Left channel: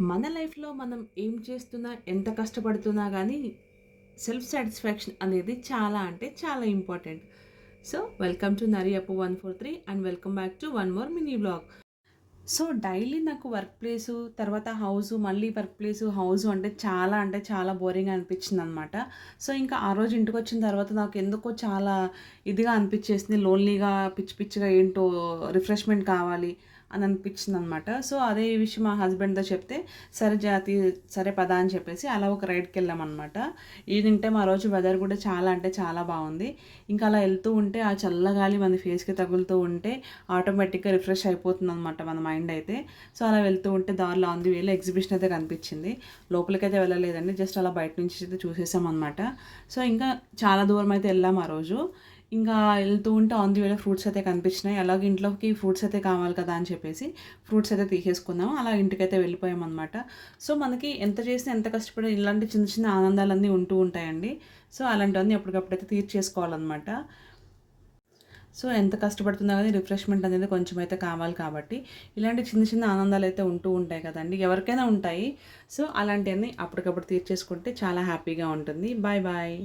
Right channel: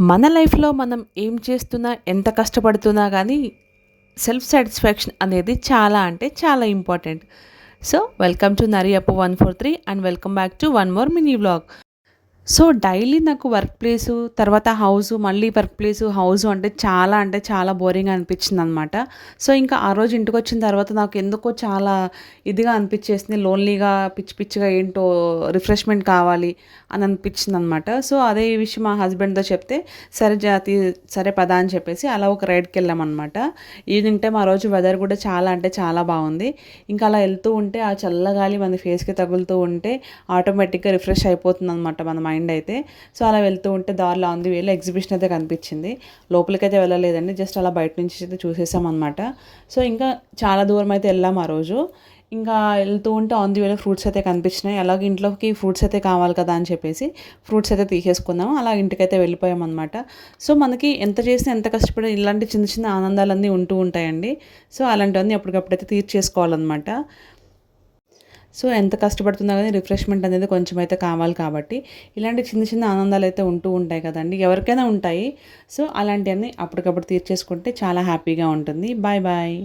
మన లైఫ్‌లో మనం ఏం చేస్తున్నా, ఎంత కష్టపడుతున్నా గానీ, సెల్ఫ్ సాటిస్ఫాక్షన్ అనేది చాలా అంటే చాలా ఇంపార్టెంట్. సో, వెల్కమ్ టు నరియప్పు 143 and welcome back to one more mini vlog. So, daily నాకు వర్క్ ప్లేసు, తర్వాత హౌసు, మళ్ళీ వర్క్ ప్లేసు, హౌసు అంటే చాలా బోరింగ్‌గా అనిపించిందనమాట. సో, ఇంకా ఆ రోజు ఇంటికొచ్చిన తర్వాత నాకు ఎందుకో చాలా ఇదిగా అనిపిచ్చేసింది. లోన్లీగా, పిచ్చి పిచ్చిగా ఏంటో రిఫ్రెష్‌మెంట్ కావాలి అని అనిపించిందనమాట. సో, అదే విషయం మా హస్బెండ్‌తో చెప్తే, సరే సరే పదా అని చెప్పేసి అలా ఒక రైడ్‌కెళ్ళామనమాట. ఈవినింగ్ టైమ్ ఆ రోజు వెదర్ కూడా చాలా అంటే చాలా బాగుంది. ఇంకా అలా వెళ్తూ ఉంటే ఆ చల్లగాలి మన ఫేస్‌కి తగులుతూ ఉంటే ఆటోమేటిక్‌గా రిఫ్రెష్ అయిపోతుందనమాట మన మైండ్ అయితే. సో, అలా వెళ్తూ ఉంటే దారిలో ఆన్ ది వేలో ఎగ్జిబిషన్ అయితే కనిపించింది. లోపలికైతే వెళ్ళలేదండి. జస్ట్ అలా బయట నుంచి అయితే చూసేసామనమాట. సో, ఇంకా చాలా దూరం అయితే వెళ్ళాం ఆ రోజు. ఇంకా వెళ్తూ ఉంటే ఆన్ ది వేలో ఫ్రూట్స్ అయితే కనిపించినాయి. అలాగే ఇంట్లోకి ఫ్రూట్స్ అయితే కావాలి కదా అని చెప్పేసి ఫ్రూట్స్ అయితే తీసేసుకున్నాము. అలా ఇంటికైతే వెళ్ళిపోయామనమాట. సో, మనకి ఎంత చేసినా, ఎంత కష్టపడినా ఇలాంటి చిన్న చిన్న ఆనందాలన్నీ ఉంటూ ఉంటాయండి. సో, అలాంటివన్నీ ఎప్పటికప్పుడైతే తీర్చేసుకోవాలనమాట. సో, ఎంత కష్టపడుతున్నా గానీ రిఫ్రెష్‌మెంట్ అనేది కొంచెం అయితే కావాలి కాబట్టి, ఇలాంటి చిన్న చిన్న ఆనందాలైతే ఉంటూ ఉంటాయి కదండీ! ఎవరికైనా ఉంటాయి. సో, అలాంటియన్నీ అప్పటికప్పుడు తీర్చేసుకుంటే చాలా హ్యాపీగా ఉంటుంది. Bye bye.